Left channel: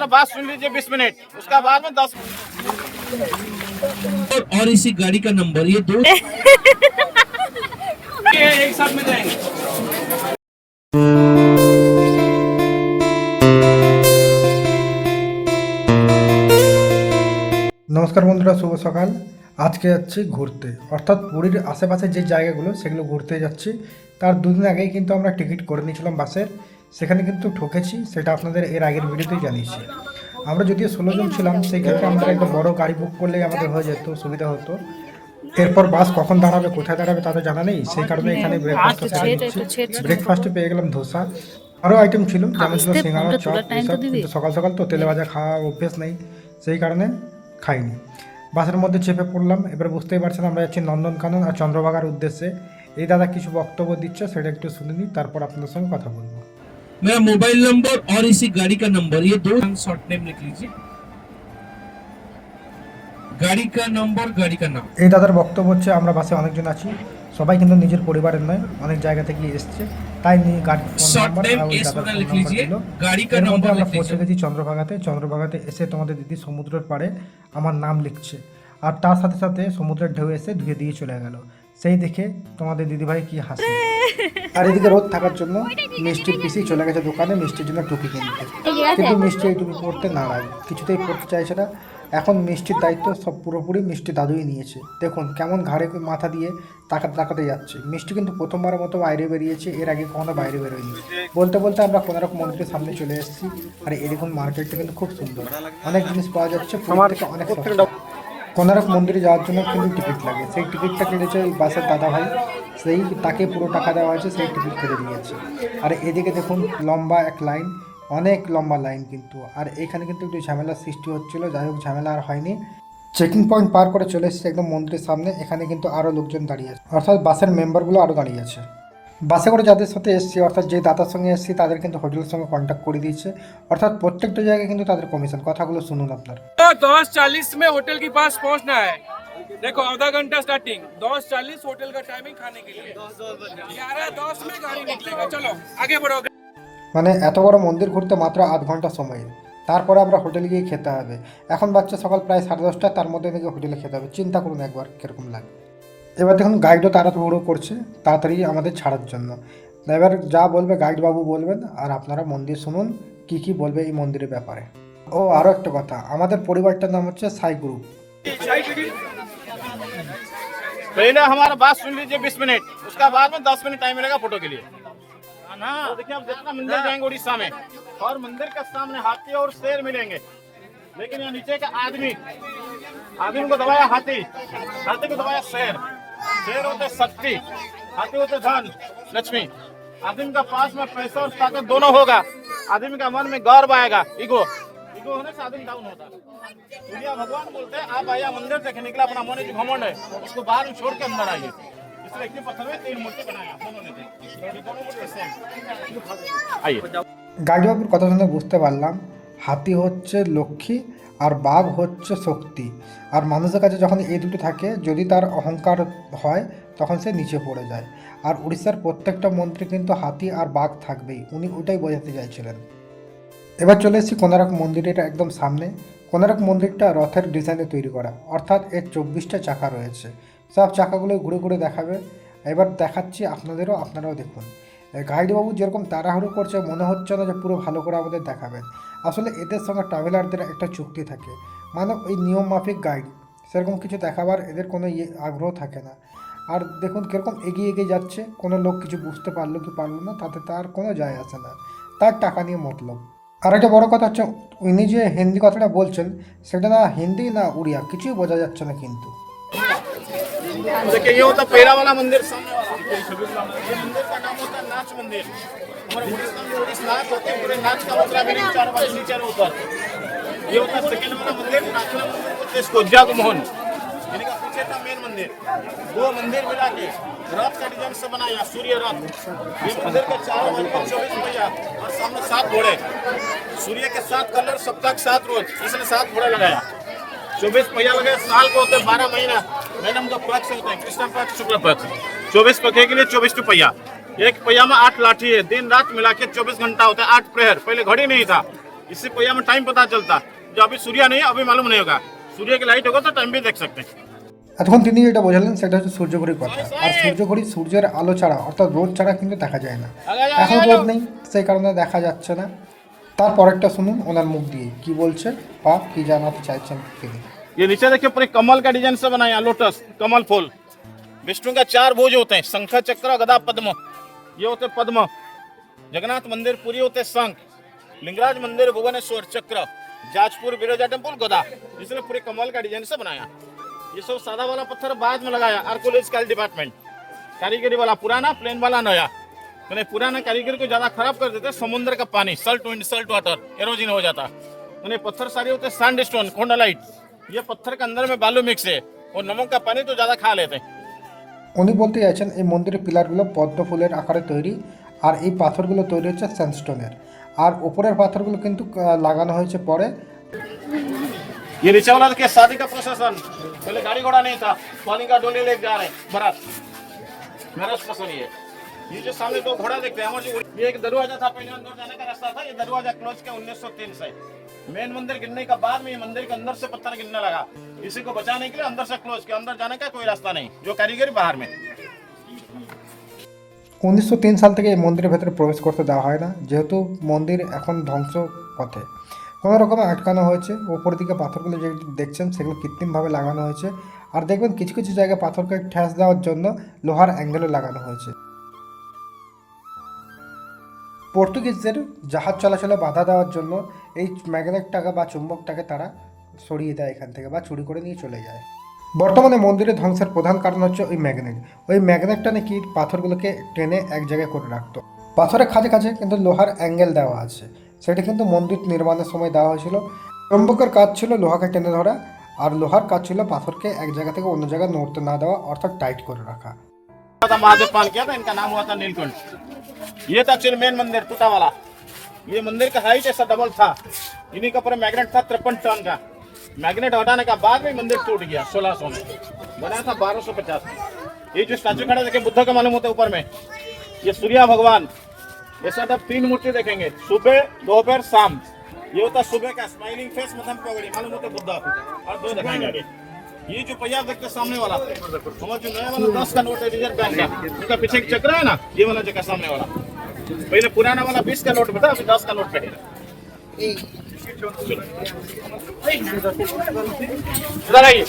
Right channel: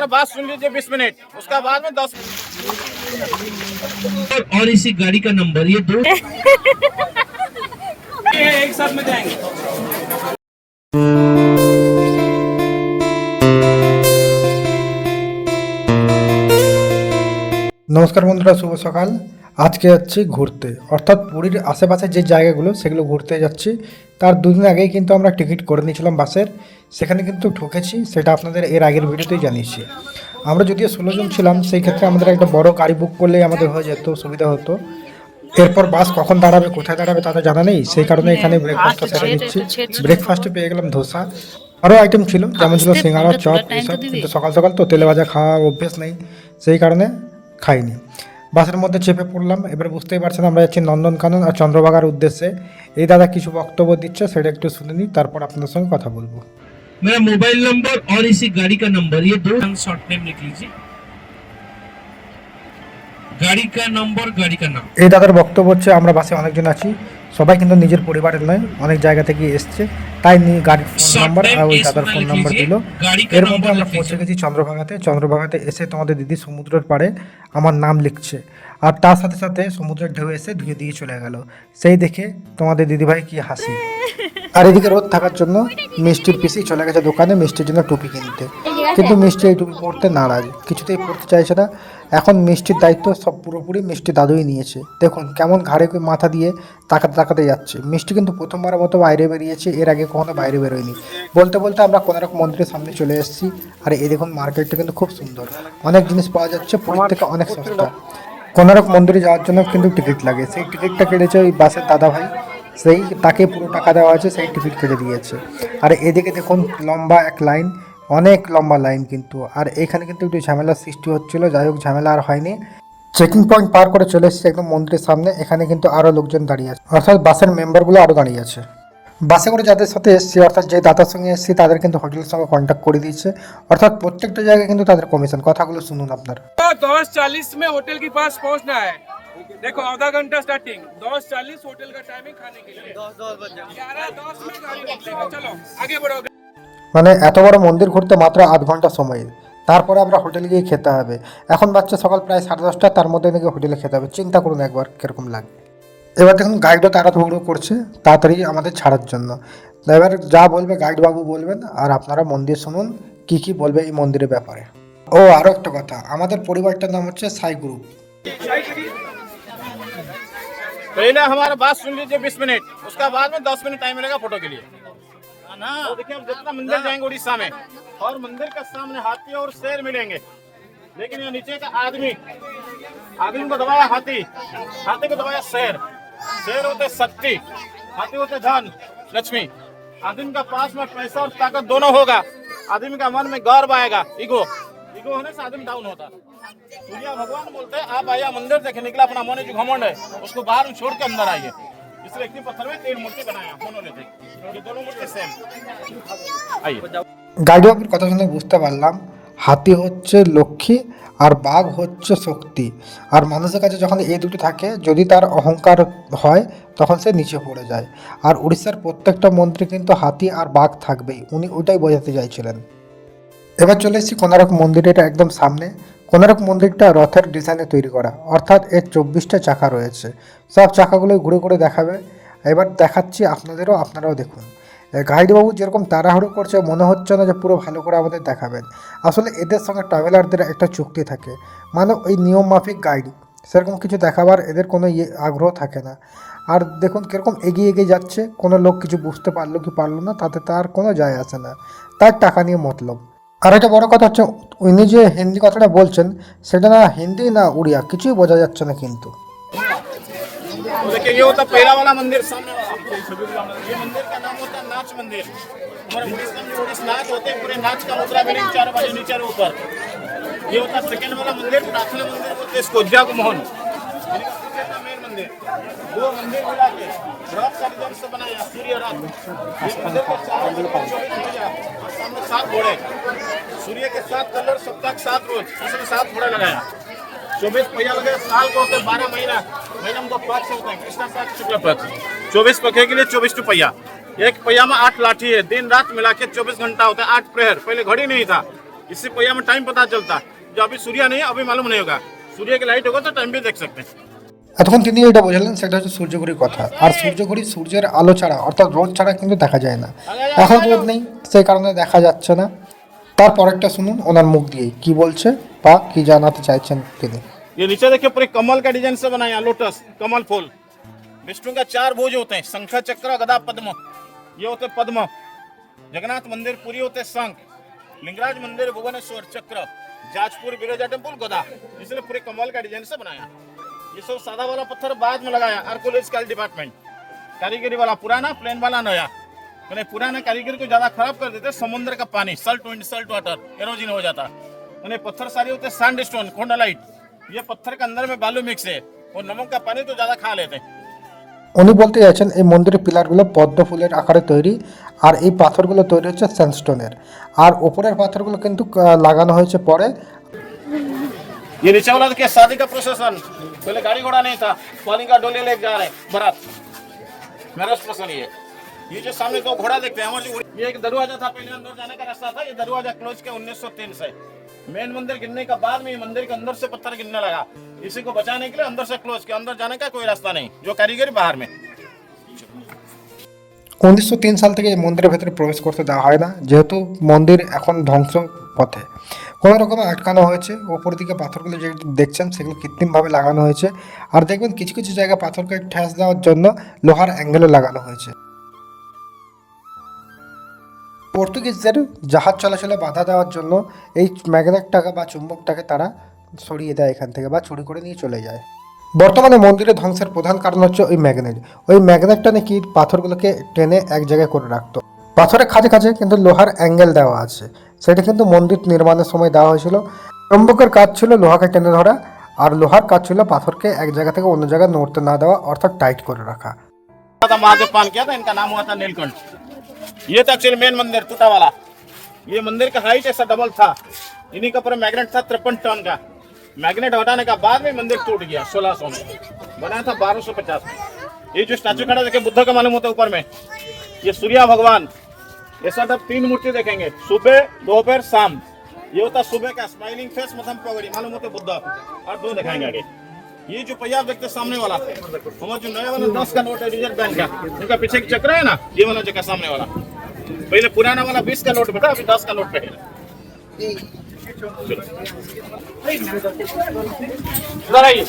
बात सुन लीजिए 20 मिनट, उसका बाद में 10 और इसी गाड़ी का नंबर ये दो एक साथ में जाएंगे। নমস্কার বন্ধুরা, শুভ সকাল। আজকে যাচ্ছি ঘুরতে, অর্থাৎ পুরীর আশেপাশে যে জায়গাগুলো সেগুলো ঘুরতে যাচ্ছি। তার দুদিন আগেই কিন্তু আমরা টিকিট করে নিয়েছিলাম বাসের, সেখানে কিন্তু ঠকেছি, সেটা আপনাদের এর আগের ভিডিওতেই জানিয়েছি। আমরা যদিও 16 জন ছিলাম, সেই ক্ষেত্রে আমাদের একটা বড় গাড়ি বুক করলেই আমাদের হয়ে যেত, সুবিধা হতো। এরপর বাস কখন দাঁড়াবে, কোথায় দাঁড়াবে তা তো জানা নেই, সেই কারণে এখানে ব্রেকফাস্টটা সেরে দিচ্ছি। ব্রেকফাস্টে পেয়ে গেলাম ধোসা, আরও আইটেম ছিল, যেমন ছিল সিঙ্গাড়া, চপ, এসব। কিন্তু সকাল সকাল তো তেলে ভাজা খাওয়া অভ্যেস নেই, সেই কারণে খাইনি। বাসের মধ্যে চেপে পড়লাম। এবার বুঝতেই পারছেন আমরা যাচ্ছি নন্দনকানন আর চন্দ্রভাগার উদ্দেশ্যে। এই দাদা কিছু বক্তব্য দিচ্ছে, সেটা একটু শুনে নিই, তারপর আপনাদের সঙ্গে কথা বলবো। मेरा मोबाइल नंबर और इसी गाड़ी का नंबर ये दो शॉर्ट नेम लिख लीजिए। गाड़ी का नंबर, गाड़ी का नाम। এই দাদার বক্তব্য হচ্ছে আমরা বাসে অনেকজন আছি, সবাই কিন্তু নিজের পরিবারের নয়, অনেক জায়গা থেকে এসছে, তাই গাড়ির ফোন নাম্বার আর ওই দাদার ফোন নাম্বার দিল। এর মধ্যে আমরা পৌঁছে গেছি চন্দ্রভাগাতে। চন্দ্রভাগাতে এসে তোমাদের দিদি সমুদ্রের পাড়ে আমার নাম লিখছে, আর তার সাথে সাথে সমুদ্রের ঢেউ এসে ধুয়ে দিয়ে চলে গেল। সেই দেখে তোমাদের দিদিভাই কি হাসি। আর এদিকে রোদ থাকার জন্য মিষ্টির পিসি চলে গেছে দোকানে মিষ্টির জন্য টুপি কিনতে, কিন্তু মিষ্টি এই টুপি পরতে নারাজ, কিছুতেই পরতে চাইছে না। এখন মিষ্টির দায়িত্ব সব পুরোপুরি মিষ্টি দাদুই নিয়েছে। দেখুন কেমন ঘাড়ে মাথা দিয়ে তাকাতে তাকাতে যাচ্ছে। মিষ্টি কিন্তু প্রথমবারের মতো বাইরে বেরিয়েছে, এর আগে কখনো বাইরে বেরোয়নি। বলতে বলতে আমরা কোনারক মন্দিরের সামনে চলে এসেছি। আর এই দেখুন মার্কেটটা কিন্তু খুব সুন্দর, অনেক জিনিস পাওয়া যাচ্ছে, পুরীর থেকে অনেক সস্তা। কোনারক মন্দিরে যাওয়ার জন্য কিন্তু টিকিট লাগে, সেই টিকিটটা কেটেছে ওই বাসের দাদা ভাই, সেই তাকে পুরো টাকা দেওয়া হয়েছে, সেই টিকিট কেটে দিয়েছে। আর এদিকে দেখুন লম্বা এক লাইন, অনেক লম্বা লাইন কিন্তু। আর এখানে কিন্তু একটু ঝামেলার সৃষ্টি হচ্ছিল, যাই হোক ঝামেলা আর হয়নি। চেকিং পয়েন্ট পার করে চলে এসেছে একদম মন্দিরের সামনে। এখানে কিন্তু আরও লোকজন দাঁড়িয়ে আছে, অর্থাৎ বাসের মেম্বারগুলো আরও দাঁড়িয়ে আছে। বাসে করে যাদের সাথে এসেছি, অর্থাৎ যে দাদার সঙ্গে এসেছি, তাদের কিন্তু হোটেলের সঙ্গে কন্ট্যাক্ট করে দিয়েছে, অর্থাৎ প্রত্যেকটা জায়গায় কিন্তু তাদের কমিশন। কথাগুলো শুনুন আপনারা। 10:40 में होटल के पास पहुंचना है। देखो आधा घंटा स्टार्टिंग, 10:40 होटल का टाइमिंग खाने के लिए। 11:10 में गाड़ी निकलेगा। चलो आगे बढ़ो। মানে এত বড় মন্দির ঘুরতে মাত্র আধ ঘন্টা সময়, তারপরে আমরা হোটেলে গিয়ে খেতে হবে। এখন বাচ্চা সকাল প্রায় 10:30, তার মধ্যে নাকি হোটেলে খেতে হবে। চিন্তা করুন একবার কিরকম লাগে। এবার দেখুন গাইডও তাড়াহুড়ো করছে তাড়াতাড়ি আমাদের ছাড়ার জন্য। এবার যা বলবে গাইড বাবু বলবেন, আর আপনারা মন্দির শুনুন কি কি বলবে এই মন্দিরের ব্যাপারে। ও আরও একটা কথা, আমাদের পরিবারটার নাম হচ্ছে সাই গ্রুপ। पहले हमारा बात सुन लीजिए 20 मिनट, उसका बाद में 10 मिनट टाइम मिलेगा फोटो के लिए ना। तो देखिए हम जितना मंदिर जाएंगे उड़ीसा में, और मंदिर के सामने हाथी और शेर मिलेंगे, लेकिन यहाँ नीचे का आदमी को दबाया हाथी, हाथी को दबाया शेर। शेर होते शक्ति, हाथी होते धन लक्ष्मी। आदमी का पास में पैसा और ताकत दोनों होगा। आदमी का मन में गर्व आएगा, ईगो होने से आदमी डाउन होता है। दुनिया भगवान बोलते हैं आप आया मंदिर देखने निकला, अपना मन जो घमंड है उसको बाहर में छोड़ के अंदर आइए। इसलिए एक पत्थर में 3 मूर्ति बनाया दोनों ने, दोनों मूर्ति सेम। आइए। গাইড বাবুর কথা শুনে বুঝতে পারলাম হাতি হচ্ছে লক্ষ্মী আর বাঘ হচ্ছে শক্তি। আর মানুষের কাছে যখন এই দুটো থাকে, যদি তার অহংকার হয় তখন সে নিচে পড়ে যায়। আর উড়িষ্যার প্রত্যেকটা মন্দিরে কিন্তু হাতি আর বাঘ থাকবেই, উনি ওটাই বোঝাতে চাইছিলেন। এবার চলে এসেছি কোনারক মন্দিরের একদম সামনে। কোনারক মন্দিরটা রথের ডিজাইনে তৈরি করা, অর্থাৎ এর 24টা চাকা রয়েছে, সব চাকাগুলো ঘুরে ঘুরে দেখাবে। এবার দেখাচ্ছি আপনাদেরও, আপনারাও দেখুন। গাইডবাবু যেরকম তাড়াহুড়ো করছে, মনে হচ্ছে না যে পুরো ভালো করে আমাদের দেখাবেন। আসলে এদের সঙ্গে ট্রাভেলারদের একটা চুক্তি থাকে, মানে ওই নিয়ম মাফিক গাইড, সেরকম কিছু দেখাবার এদের কোনো আগ্রহ থাকে না। আর দেখুন কীরকম এগিয়ে এগিয়ে যাচ্ছে, কোনো লোক কিছু বুঝতে পারলো কি পারলো না তাতে তার কোনো যায় আসে না, তার টাকা নিয়ে মতলব। আর একটা বড় কথা হচ্ছে, উনি যে হিন্দি কথাটা বলছেন সেটা না হিন্দি না উড়িয়া, কিছুই বোঝা যাচ্ছে না কিন্তু। देखिए ये होता पहला वाला मंदिर सामने, ये मंदिर का नाम होता है नाच मंदिर। हमारे उड़ीसा में उड़ीस नाच होते हैं, पूरे नाच का मुद्रा मेरे चार वाले नीचे ऊपर। ये होता है सेकंड वाला मंदिर, प्रार्थना मंदिर, इसको जग मोहन मेन मंदिर। 2 मंदिर मिला के रथ का डिजाइन से बनाया, सूर्य रथ। इस मंदिर के चारों तरफ 24 पहिया और सामने 7 घोड़े, सूर्य के 7 कलर, सप्ताह के 7 रोज, इसने 7 घोड़ा लगाया। 24 पहिया लगे, साल को होते 12 महीना। मैडम का पक्ष होता है कृष्ण पक्ष शुक्ल पक्ष। 24 पखे के लिए 24 पहिया, एक पहिया में 8 लाठी है। दिन रात मिला के 24 घंटा होता है, 8 प्रहर। पहले घड़ी नहीं था, इससे पहिया में टाइम पता चलता। जो अभी सूर्य नहीं है अभी मालूम नहीं होगा, सूर्य की लाइट होगा तो टाइम भी देख सकते हैं। এতক্ষণ তিনি যেটা বোঝালেন সেটা হচ্ছে সূর্যঘড়ির কথা। আর সূর্যঘড়ি সূর্যের আলো ছাড়া অর্থাৎ রোদ ছাড়া কিন্তু দেখা যায় না। এখন রোদ নেই, সেই কারণে দেখা যাচ্ছে না। তারপরেরটা শুনুন ওনার মুখ দিয়ে কি বলছে বা কি জানাতে চাইছেন তিনি। ये नीचे देखिए पूरे कमल का डिजाइन से बनाया, लोटस कमल फूल। विष्णु का 4 भुज होते हैं, शंख चक्र गदा पद्म। ये होते पद्म। जगन्नाथ मंदिर पुरी होते शंख, लिंगराज मंदिर भुवनेश्वर चक्र, जाजपुर बिरजा टेम्पल गदा। इसलिए पूरे कमल का डिजाइन से बनाया। ये सब सादा वाला पत्थर बाद में लगाया, आर्कोलॉजिकल डिपार्टमेंट। कारीगरी वाला पुराना, प्लेन वाला नया। मैंने पुराना कारीगरी को ज्यादा खराब कर देते, समुद्र का पानी Salt wind Salt water halogen हो जाता। मैंने पत्थर सारे होते सैंड स्टोन कोंडालाइट। ये पत्थर के अंदर में बालू मिक्स है और नमक का पानी तो ज्यादा खा लेते हैं। উনি বলতে চাইছেন এই মন্দিরের পিলারগুলো পদ্ম ফুলের আকারে তৈরি, আর এই পাথরগুলো তৈরি হচ্ছে স্যান্ডস্টোনের, আর ওপরের পাথরগুলো কিন্তু লাগানো হয়েছে পরে। ये नीचे वाला देखिए शादी का प्रोसेसन। पहले गाड़ी घोड़ा नहीं था, पानी का डोले लेके जा रहे बारात। मैरिज प्रोसेसन ये जो सामने दो घोड़ा देखते हैं, ये एक दरवाजा था, पहले अंदर जाने का रास्ता था। ये दरवाजा क्लोज किया 1903 से। मेन मंदिर गिरने का बाद में ये मंदिर के अंदर से पत्थर गिरने लगा। इसी को बचाने के लिए अंदर से क्लोज किया, अंदर जाने का कोई रास्ता नहीं, जो कारीगरी बाहर में। 1903 সাল থেকে এই মন্দিরের ভেতরে প্রবেশ করতে দেওয়া হয় না, যেহেতু মন্দির এখন ধ্বংস পথে। কোনো রকমে আটকানো হয়েছে। ওপর দিকে পাথরগুলো যে দেখছেন সেগুলো কৃত্রিমভাবে লাগানো হয়েছে। আর দেখবেন কিছু কিছু জায়গায় পাথরকে ঠেস দেওয়ার জন্য লোহার অ্যাঙ্গেলও লাগানো হয়েছে। পর্তুগিজদের জাহাজ চলাচলে বাধা দেওয়ার জন্য এই ম্যাগনেটটাকে বা চুম্বকটাকে তারা সরিয়ে দেয় এখান থেকে বা চুরি করে নিয়ে চলে যায়। বর্তমানে মন্দিরের ধ্বংসের প্রধান কারণ হচ্ছে ওই ম্যাগনেট। ওই ম্যাগনেটটা নাকি পাথরগুলোকে টেনে এক জায়গায় করে রাখতো। পাথরের কাছে কাছে কিন্তু লোহার অ্যাঙ্গেল দেওয়া আছে, সেটা কিন্তু মন্দির নির্মাণের সময় দেওয়া হয়েছিল। চুম্বকের কাজ ছিল লোহাকে টেনে ধরা, আর লোহার কাজ ছিল পাথরকে এক জায়গা থেকে অন্য জায়গায় নড়তে না দেওয়া, অর্থাৎ টাইট করে রাখা। महादेव पान किया था, इनका नाम हुआ था नीलकंठ। ये था एक्चुअली मेन मंदिर टूटा वाला। ये मंदिर का हाइट ऐसा डबल था। इन्हीं का पूरा मैग्नेट था 53 टन का। मैग्नेट हटाने का बाद में मंदिर टूट गया 1600 में। बनाया था 1250 में। ये जो स्टैचू खड़ा देखे बुद्ध का मालूम होता है ऊपर में, ये सूर्य भगवान। ऐसा आप 3 मूर्ति देखेंगे, सुबह दोपहर शाम। ये होता सुबह का स्माइलिंग फेस, मध्यम पगड़ी मालूम होता बुद्ध। और 2 दिखाएंगे आगे। ये जो पहिया देखते सामने वाला, हमारा जो नया वाला 10 का नोट है रिजर्व बैंक का, उनका पीछे चक्र है ना, ये वाला जगह सामने वाला। पहले पुराना वाला 20 का नोट बेटा, अभी 10 का नोट कटेगा। इधर आइए।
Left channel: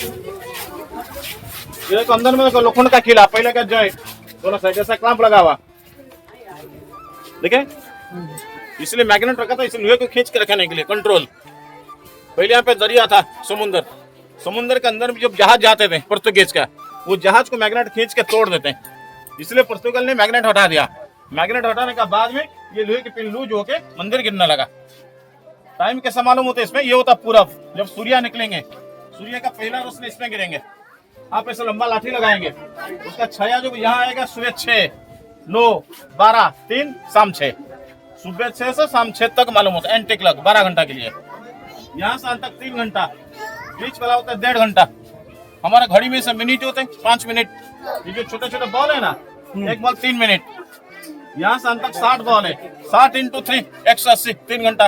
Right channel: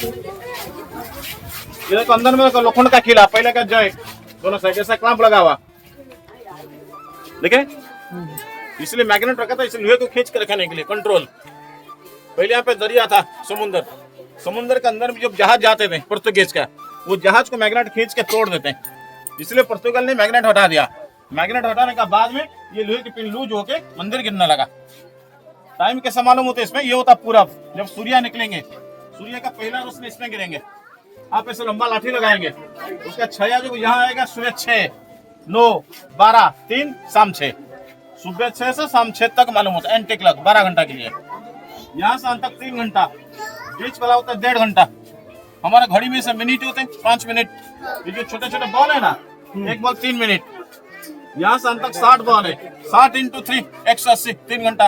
ये देखो अंदर में लोखंड का किला, पहले का जॉइंट दोनों साइड ऐसा क्लैंप लगा हुआ, देखे। इसलिए मैग्नेट रखा था, इसलिए लोहे को खींच के रखने के लिए कंट्रोल। पहले यहाँ पे दरिया था, समुद्र के अंदर में जब जहाज जाते थे पुर्तगीज का, वो जहाज को मैग्नेट खींच के तोड़ देते हैं। इसलिए पुर्तगाल ने मैग्नेट हटा दिया। मैग्नेट हटाने का बाद में ये लोहे की पिन लूज होके मंदिर गिरने लगा। टाइम कैसा मालूम होता है इसमें? ये होता पूरब, जब सूर्य निकलेंगे, सूर्य का पहला रोशनी इसमें गिरेंगे। आप ऐसा लंबा लाठी लगाएंगे, उसका छाया जो यहाँ आएगा सुबह 6, 9, 12, 3, शाम 6। सुबह 6 से शाम 6 तक मालूम होता है। एंटी क्लॉक 12 घंटा के लिए। यहाँ से तक 3 घंटा, बीच वाला होता है 1.5 घंटा। हमारा घड़ी में से मिनट होते हैं 5 मिनट। ये जो छोटे छोटे बॉल है ना, एक बॉल 3 मिनट। यहाँ से तक 60 बॉल है, 60 × 3 180, 3 घंटा।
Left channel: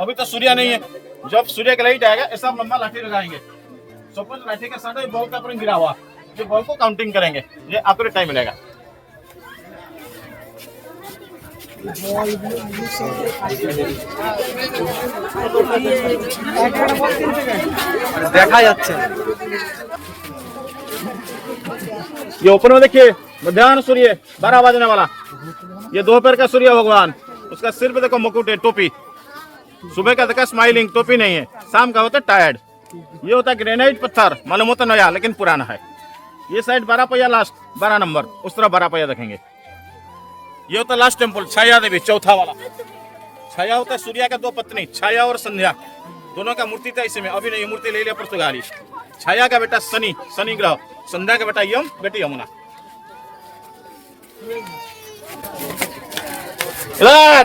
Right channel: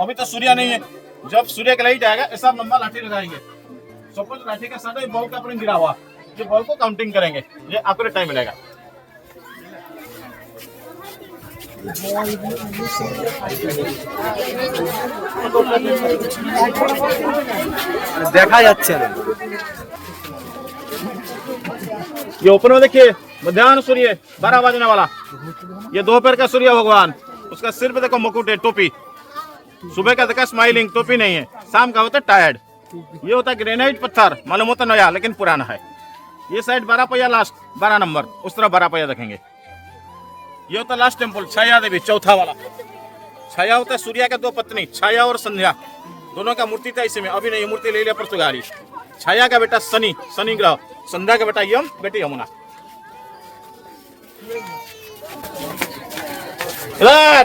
अभी तो सूर्य नहीं है, जब सूर्य का लाइट आएगा ऐसा लंबा लाठी लगाएंगे। सपोज लाठी का साथ बॉल का गिरा हुआ, ये बॉल को काउंटिंग करेंगे, ये एक्यूरेट टाइम मिलेगा। দেখা যাচ্ছে না। ये ऊपर में देखिए मध्याह्न सूर्य 12 बजने वाला। ये दोपहर का सूर्य भगवान, उसका सिर पे देखो मुकुट है, टोपी। सुबह का देखा स्माइलिंग, टोपी नहीं है। शाम का होता है टायर्ड। ये होता है ग्रेनाइट पत्थर, मालूम होता नया लेकिन पुराना है। ये साइड 12 पहिया लास्ट 12 नंबर, उस तरह 12 पहिया देखेंगे। ये होता लास्ट टेम्पल छाया देवी, चौथा वाला। छाया होता है सूर्य का 2 पत्नी, छाया और संध्या, दोनों का मूर्ति था इसी में। अभी नहीं मूर्ति ले लिया पुर्तगाली। छाया का बेटा शनि, शनि ग्रह। संध्या का बेटा यम, बेटी यमुना। इधर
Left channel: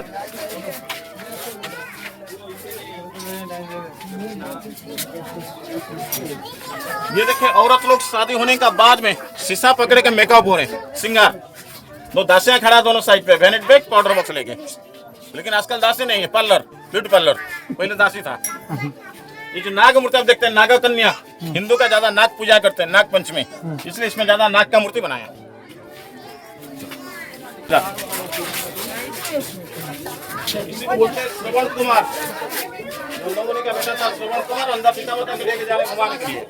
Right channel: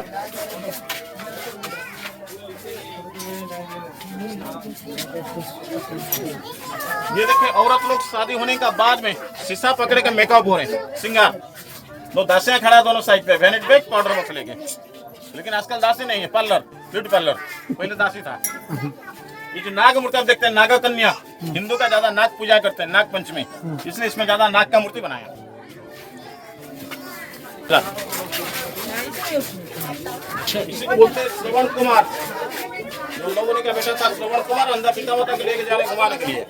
ये देखिए औरत लोग शादी होने का बाद में शीशा पकड़े के मेकअप हो रहे हैं, सिंगार। दो दासियां खड़ा दोनों साइड पे, वेनेट बैग पाउडर बॉक्स लेके। लेकिन आजकल दासी नहीं है, पार्लर। ब्यूटी पार्लर पहले दासी था। ये जो नाग मूर्ति आप देखते हैं, नागा कन्या, हिंदू का ज्यादा नाग पूजा करते हैं, नाग पंचमी, इसलिए इसमें ज्यादा नाग का मूर्ति बनाया। इसी को बोलते हैं श्रवण कुमार। लोगों ने क्या बेटा था श्रवण कुमार, अंधा पिता होता है लेके जा रहे घुमाने के लिए,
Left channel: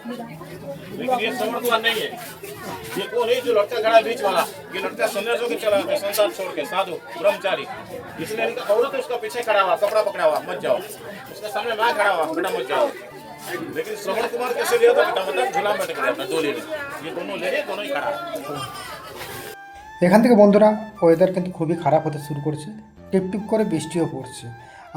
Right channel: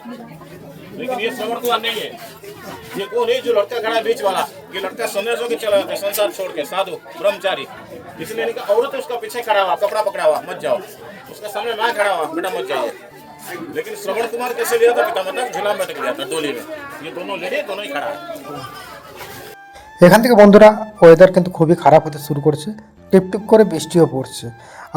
लेकिन ये श्रवण कुमार नहीं है। ये वो नहीं जो लड़का खड़ा बीच वाला, ये लड़का संदेशों के चला जाता है, संसार छोड़ के, साधु ब्रह्मचारी। इसलिए इनका औरत उसका पीछे खड़ा हुआ, कपड़ा पकड़ा हुआ, मत जाओ। उसके सामने मैं खड़ा हुआ, बेटा मत जाओ। लेकिन श्रवण कुमार कैसे लिया था बेटा, मतलब झूला में लटक गया था डोली में। ये दोनों लेडे दोनों ही खड़ा है। এখান থেকে বন্ধুরা ওয়েদার কিন্তু খুবই খারাপ হতে শুরু করছে, টিপটিপ করে বৃষ্টিও পড়ছে,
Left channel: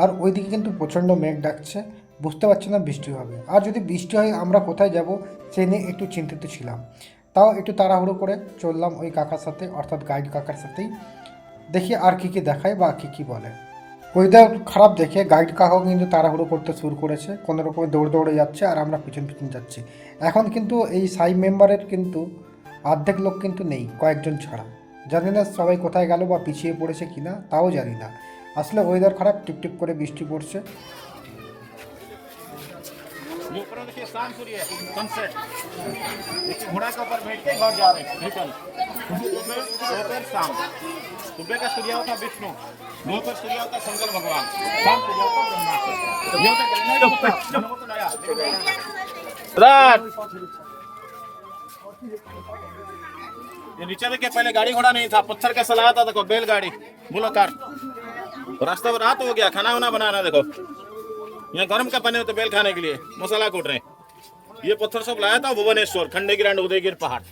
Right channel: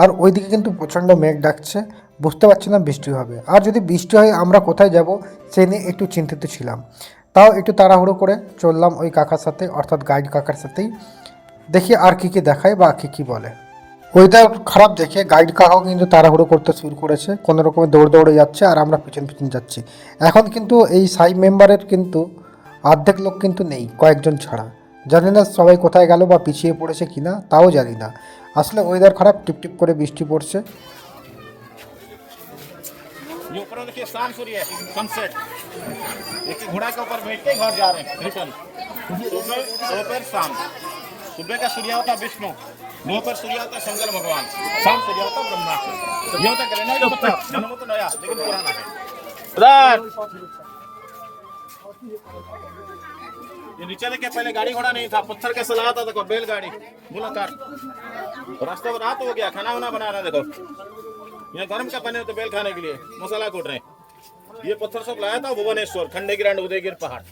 আর ওইদিকে কিন্তু প্রচণ্ড মেঘ ডাকছে, বুঝতে পারছি না বৃষ্টি হবে। আর যদি বৃষ্টি হয় আমরা কোথায় যাব সে নিয়ে একটু চিন্তিত ছিলাম। তাও একটু তাড়াহুড়ো করে চললাম ওই কাকার সাথে, অর্থাৎ গাইড কাকার সাথেই। দেখি আর কী কী দেখায় বা কী কী বলে। ওয়েদার খারাপ দেখে গাইড কাকাও কিন্তু তাড়াহুড়ো করতে শুরু করেছে, কোনো রকমে দৌড়ে দৌড়ে যাচ্ছে আর আমরা পিছন পিছন যাচ্ছি। এখন কিন্তু এই সাই মেম্বারের কিন্তু অর্ধেক লোক কিন্তু নেই, কয়েকজন ছাড়া। জানি না সবাই কোথায় গেল বা পিছিয়ে পড়েছে কিনা, তাও জানি না। আসলে ওয়েদার খারাপ, টিপটিপ করে বৃষ্টি পড়ছে। ये ऊपर देखिए शाम सूर्य है, सनसेट। देखिए घोड़ा के ऊपर बैठ के घर जा रहे हैं रिटर्न। दोपहर शाम, सुबह का सूर्य होता विष्णु, दोपहर सूर्य होता शंकर भगवान, शाम सूर्य होता ब्रह्मा। ये होता ग्रेनाइट होता जन्म तो नया ये नीचे देखिए पहले गाड़ी घोड़ा नहीं था, पत्थर का सलाह था, देखो बैलगाड़ी मुलाकात। रास्ते में रात हो गया, खाना वाना बना रहा देखो। यहाँ गर्म का पानी होता बेल खाने के लिए, मसाला कूट रहे। ये पत्थर सब लाया था भुवनेश्वर, खंडेगिरी एंड उदयगिरी पहाड़।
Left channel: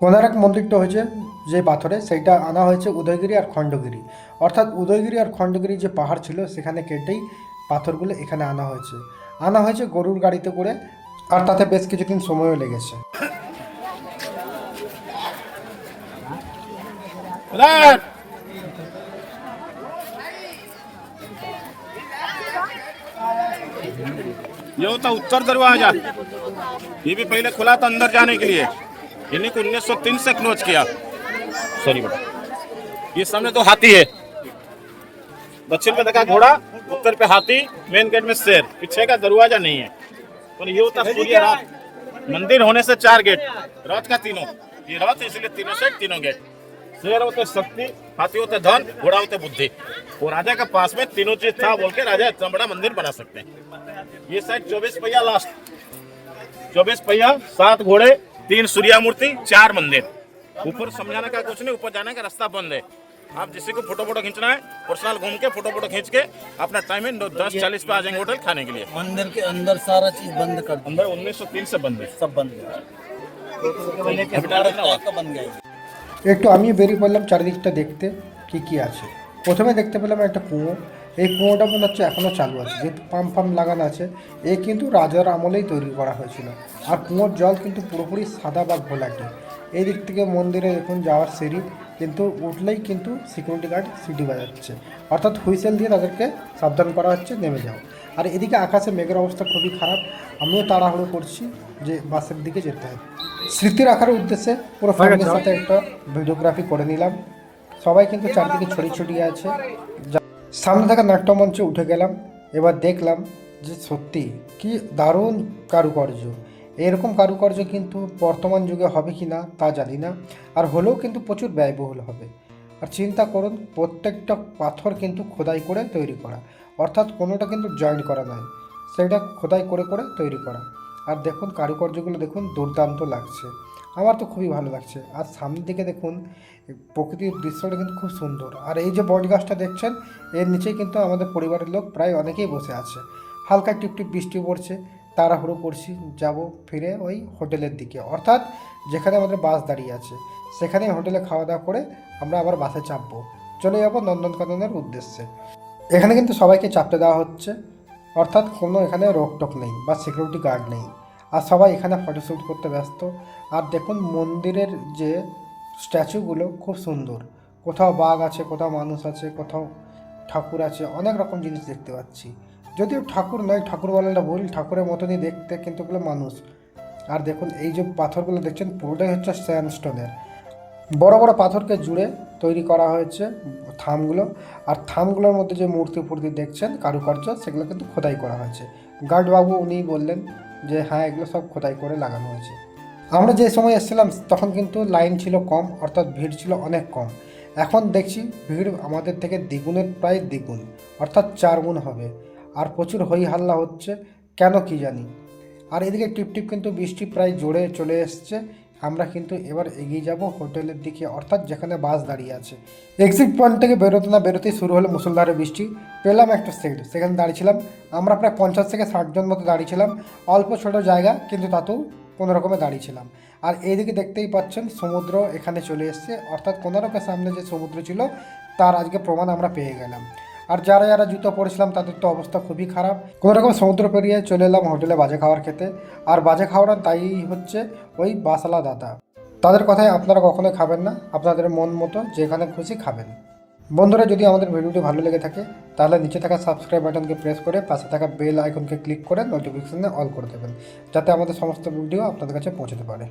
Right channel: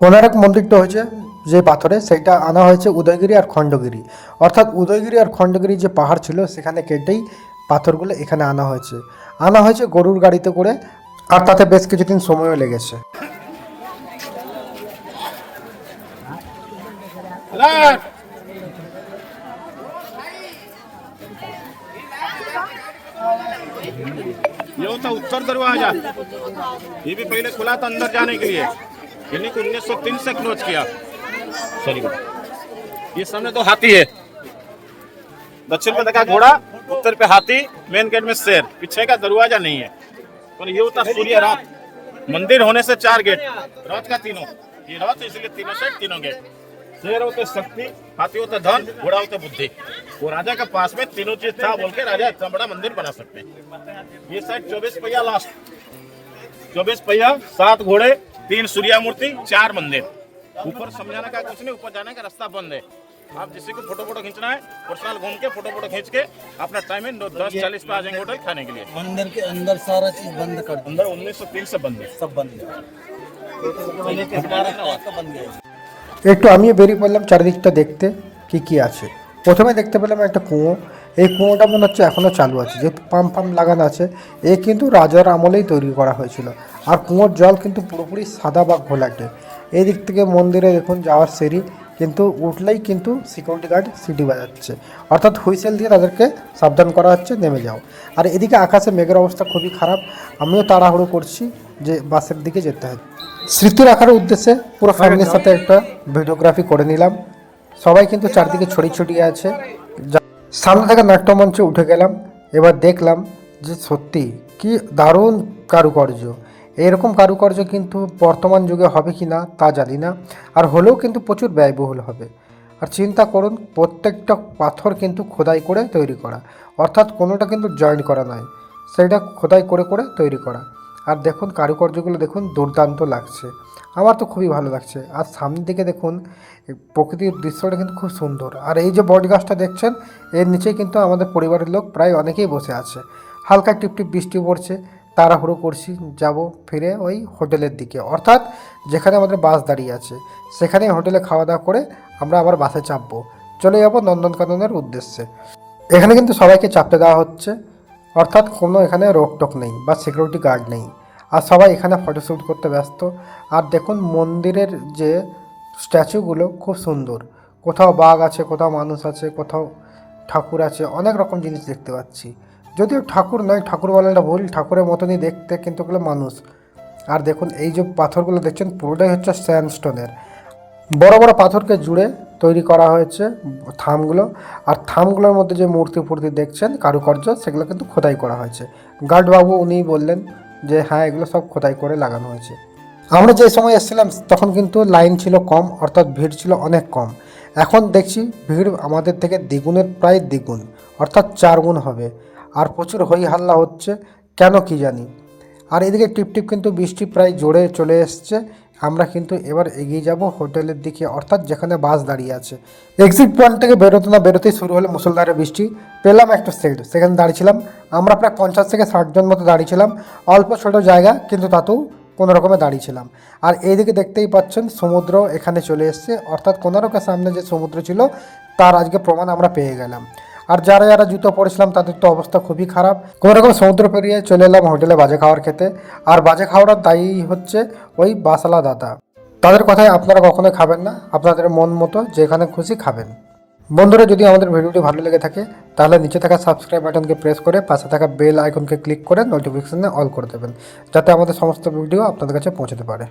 ওনার এক মন্দিরটা হয়েছে যে পাথরে, সেটা আনা হয়েছে উদয়গিরি আর খণ্ডগিরি, অর্থাৎ উদয়গিরি আর খণ্ডগিরি যে পাহাড় ছিল সেখানে কেটেই পাথরগুলো এখানে আনা হয়েছে গরুর গাড়িতে করে, আর তাতে বেশ কিছুদিন সময়ও লেগেছে। ये होता उत्तर दरवाजा, ये भी पहले खुला था अंदर जाने के लिए, इन्हीं को 1903 से क्लोज किया। सॉरी बेटा, ये सामने तो हाथी है, दक्षिण में देखा घोड़ा, उत्तर पे हाथी, मेन गेट में शेर, पीछे का दरवाजा नहीं है। और ये होता सूर्य रात, मंदिर होने से 4 गेट, रात का तीनों, ये रात इसलिए तीनों से तीनों गेट। शेर होते शक्ति, हाथी होते धन, घोड़ा होते बुद्धि। वो राजा के पास में तीनों चीज था बोल के राजा इतना बड़ा मंदिर बना सकते हैं। ये साइड 24 पहिया लास्ट, 24 पहिया, 7 घोड़े, 3 सूर्या मूर्ति, 4 मंदिर। ऊपर समझाने का कुछ नहीं, ऊपर जाने का रास्ता बंद है। आप जिसी को फोटो खींचना है पर्सनल घूम के फोटो खींच के अपना टाइमिंग 10:40 पे आ जाएंगे होटल खाने के लिए। मंदिर के अंदर सारा चीज बंद कर दो, अंदर 1903 से बंद है, सब बंद है, बंद गए। একটু আমি বেরিয়ে পড়লাম চারিদিকটা দেখতে কি কি আছে। প্রথমে দেখতে পেলাম একটা কুয়ো, এই কুয়োটা মনে হচ্ছে এখনও চালু আছে, যেহেতু পাম্প লাগানো আছে। এ কিন্তু রাজার আমলেই তৈরি করা হয়েছিল, আর কুয়োর জল কিন্তু পুরোপুরি সাদা বা ঘোলাটে। এই দিক থেকে মন্দিরে দেখুন যাওয়ার সিঁড়ি, কিন্তু উঠলেই কিন্তু সিকিউরিটি গার্ড সিটি বাজাচ্ছে, অর্থাৎ হুইসেল দিয়ে তাদেরকে সাবধান করা হচ্ছে নেমে যাও। আর এদিকে আকাশে মেঘের অবস্থা খুবই খারাপ, আমিও তাড়াহুড়ো করছি যে বাসের দিকে যেতে হবে। স্মৃতি রাখার উদ্দেশ্যে পুরো ফ্যামিলির সাথে একটা ভিডিওগ্রাফি করে নিলাম। সবাই কিন্তু চারদিকে ছড়িয়ে ছড়িয়ে আছে। সামনে থেকে নাট্যমঞ্চে উঠে গেলাম, এবার দেখলাম যে সত্যি কি দারুণ কারুকার্য। এরকম কারুকার্য কিন্তু বর্তমান যুগে হবে কি না তা জানি না, আর হলেও কিন্তু প্রচুর ব্যয়বহুল হবে। আর চিন্তা করুন, প্রত্যেকটা পাথর কিন্তু খোদাই করে তৈরি করা, অর্থাৎ কোনোটা কিন্তু জয়েন্ট করা নয়, সেটা খোদাই করে করে তৈরি করা। আর দেখুন কারুকার্যগুলো দেখুন, দুর্দান্ত লাগছে, আমার তো খুবই ভালো লাগছে। আর সামনের দিকে দেখুন প্রকৃতির দৃশ্যটা কিন্তু খুব সুন্দর। আর এই যে বট গাছটা দেখছেন, এর নিচেই কিন্তু আমাদের পরিবারের লোক প্রায় অনেকেই বসে আছে। হালকা টিপটিপ বৃষ্টি পড়ছে, তাড়াহুড়ো করছি যাব ফিরে ওই হোটেলের দিকে, অর্থাৎ যেখানে আমাদের বাস দাঁড়িয়ে আছে সেখানেই হোটেলে খাওয়া দাওয়া করে আমরা আবার বাসে চাপবো, চলে যাবো নন্দনকাননের উদ্দেশ্যে। এখানে কিন্তু সবাইকে চাপতে দেওয়া হচ্ছে, অর্থাৎ কোনো এখানে রোকটোক নেই বা সিকিউরিটি গার্ড নেই, আর সবাই এখানে ফটোশ্যুট করতে ব্যস্ত। আর দেখুন মন্দিরের যে স্ট্যাচুগুলো খুব সুন্দর, কোথাও বাঘ আছে, কোথাও মানুষ আছে, কোথাও ঠাকুর আছে, অনেক রকম জিনিস দেখতে পাচ্ছি। যদিও ঠাকুর নয়, ঠাকুর বলাটা ভুল, ঠাকুরের মতনই দেখতে, কিন্তু ওগুলো মানুষ। আর দেখুন এই যে পাথরগুলো দেখছেন পুরোটাই হচ্ছে স্যান্ডস্টোনের, বড় বড় পাথরকে জুড়ে তৈরি করা হয়েছে থামগুলো। আর থামগুলোর মধ্যে যে মূর্তি ফুর্তি দেখছেন কারুকার্য, সেগুলো কিন্তু খোদাই করা হয়েছে। গার্ডবাবু উনি বললেন যে হ্যাঁ এগুলো সব খোদাই করে লাগানো হয়েছে। আমরা যে সময় এসেছিলাম তখন কিন্তু লাইন ছিল কম, অর্থাৎ ভিড় ছিল অনেক কম। এখন দেখছি ভিড় আমাদের থেকে দ্বিগুণের প্রায় দ্বিগুণ, অর্থাৎ 4 গুণ হবে। আর প্রচুর হই হাল্লা হচ্ছে, কেন কি জানি। আর এদিকে টিপটিপ কিন্তু বৃষ্টি প্রায় জোরে চলে এসছে। আমরা কিন্তু এবার এগিয়ে যাব হোটেলের দিকে, অর্থাৎ যেখানে বাস দাঁড়িয়ে আছে। এক্সিট পয়েন্ট থেকে বেরোতে না বেরোতেই শুরু হলো মুষলধারে বৃষ্টি। পেলাম একটা সিট, সেখানে দাঁড়িয়েছিলাম। আমরা প্রায় 50 থেকে 60 জন মতো দাঁড়িয়েছিলাম। অল্প ছোট জায়গা, কিন্তু তাতেও কোনো রকমে দাঁড়িয়েছিলাম। আর এইদিকে দেখতেই পাচ্ছেন সমুদ্র এখানে চলে এসছে, অর্থাৎ কোনারকের সামনে যে সমুদ্র ছিল তার আজকে প্রমাণ আমরা পেয়ে গেলাম। আর যারা যারা জুতো পরেছিলাম তাদের তো অবস্থা খুবই খারাপ। কোনো রকম সমুদ্র পেরিয়ে চলে এলাম হোটেলে বাজে খাওয়ার খেতে। আর বাজে খাওয়ার দায়ী হচ্ছে ওই বাসওয়ালা দাদা। তাদের কথায় আপনারা কখনোই খাবেন না, আপনাদের মন মতো যেখানে খুশি খাবেন। বন্ধুরা, যদি আমাদের ভিডিওটি ভালো লেগে থাকে তাহলে নিচে থাকা সাবস্ক্রাইব বাটনকে প্রেস করে পাশে থাকা বেল আইকনকে ক্লিক করে নোটিফিকেশনে অল করে দেবেন, যাতে আমাদের সমস্ত ভিডিও আপনাদের কাছে পৌঁছতে পারে।